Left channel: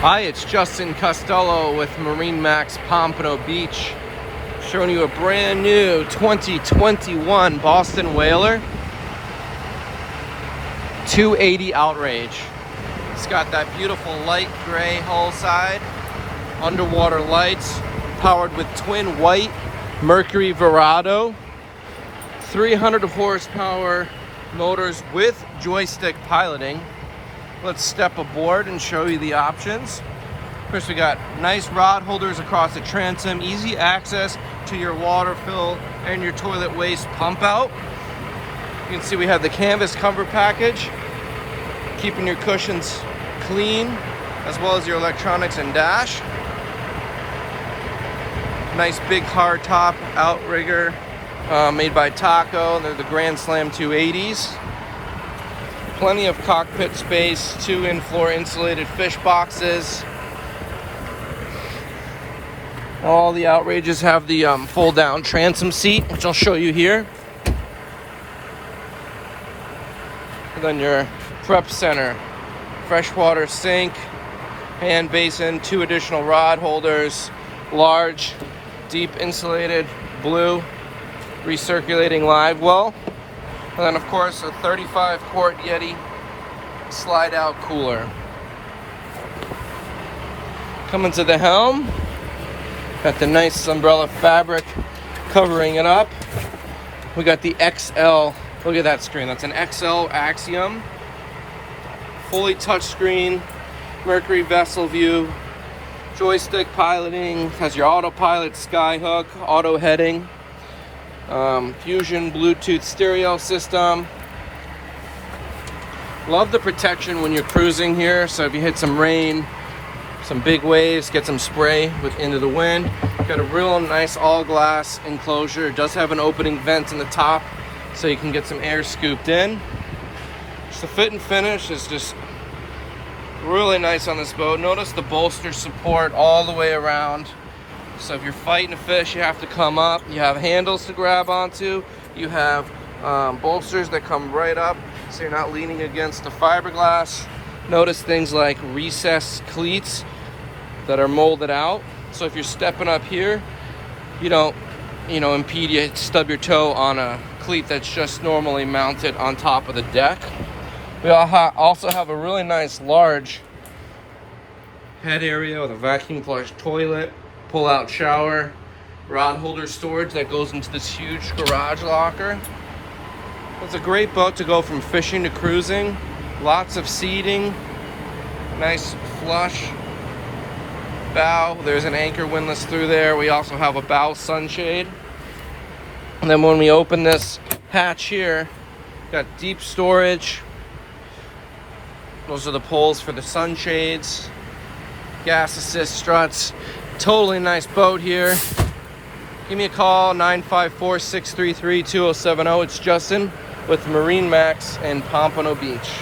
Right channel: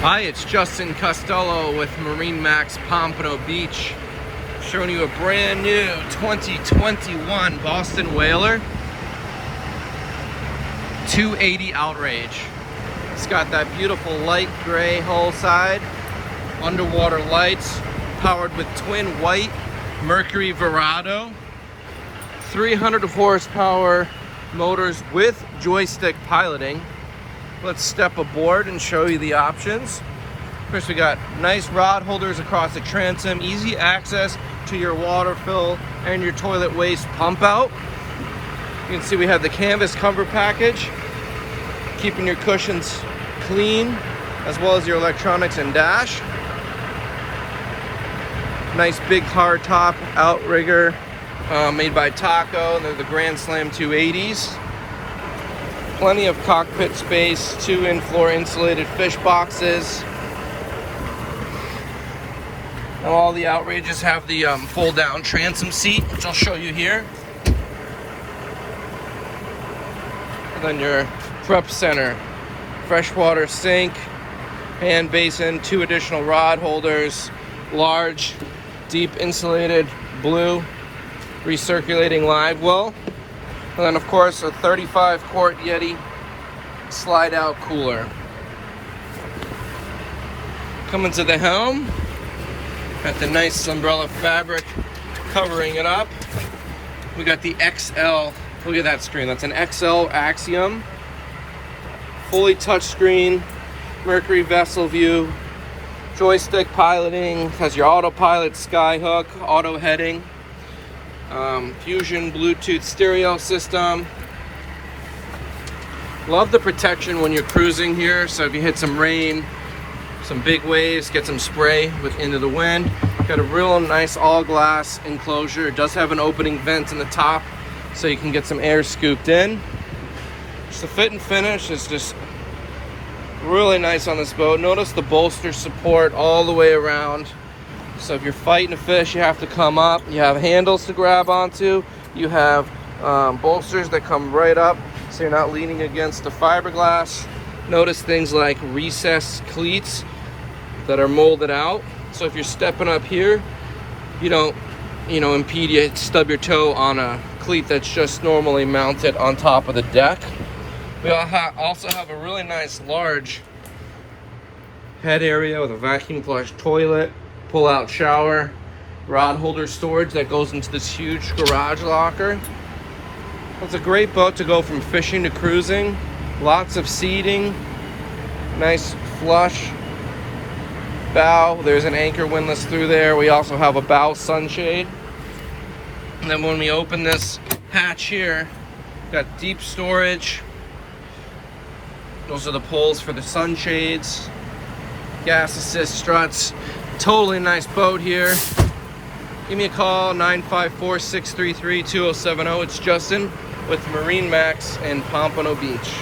Hi, it's Justin Costello with MarineMax Pompano Beach, showing you a brand new 2021 Boston Whaler 280 Outrage. It's got that beautiful light gray hull side, underwater lights, powered with twin white Mercury Verado, 300 horsepower motors with joystick piloting. Let's step aboard and show you the options. First, we got nice rod holders across the transom, easy access to your water fill and your toilet waste pump out. You can see we have the canvas comfort package, keeping your cushions clean, as well as your electronics and dash. Nice big hard top outrigger made by Taco. They're the Grand Slam 280s. Plenty of cockpit space, 2 in-floor insulated fish boxes. All the Outrages have the fold-down transom seat, which I'll show you here. And then your prep center, freshwater sink, hand basin, 2 additional rod holders, large, deep insulated blue recirculating live well. And then, of course, a 35-quart Yeti slide-out cooler. Coming to the helm, got the nice umbrella fabric covering it up. We got the XL, look at that screen, that's an XL Axiom. Fully touchscreen, Mercury vessel view, joystick piloting, has your autopilot skyhook, auto heading. Fusion Bluetooth stereo system. Love the protection when you're cruising here, so if you hit some rain, some big waves, get some spray into the wind. Got a real nice all glass enclosure. It does have an opening vent in the top so you can get some air scooped in. So the fit and finish is just really nice on this boat. Notice the bolster support all the way around. So if you're fighting a fish, you have to come up. You have handles to grab onto. You have bolsters that come right up, so you're not leaning against the fiberglass. Notice things like recessed cleats that are molded out. So if you're stepping up here, you don't, impede you, stub your toe on a cleat that's just normally mounted on top of the deck. We also have a really nice large head area with a vacuum flush toilet, pull-out shower, rod holder storage that goes into this huge garage locker. It's a great boat to go from fishing to cruising. Lots of seating, nice flush bow. There's an anchor windlass through there. We also have a bow sunshade. And then when we open this hatch here, got deep storage. Those are the pulls for the sunshades, gas assist struts. Totally nice boat here. Give me a call, 954-633-2070. It's Justin with MarineMax in Pompano Beach.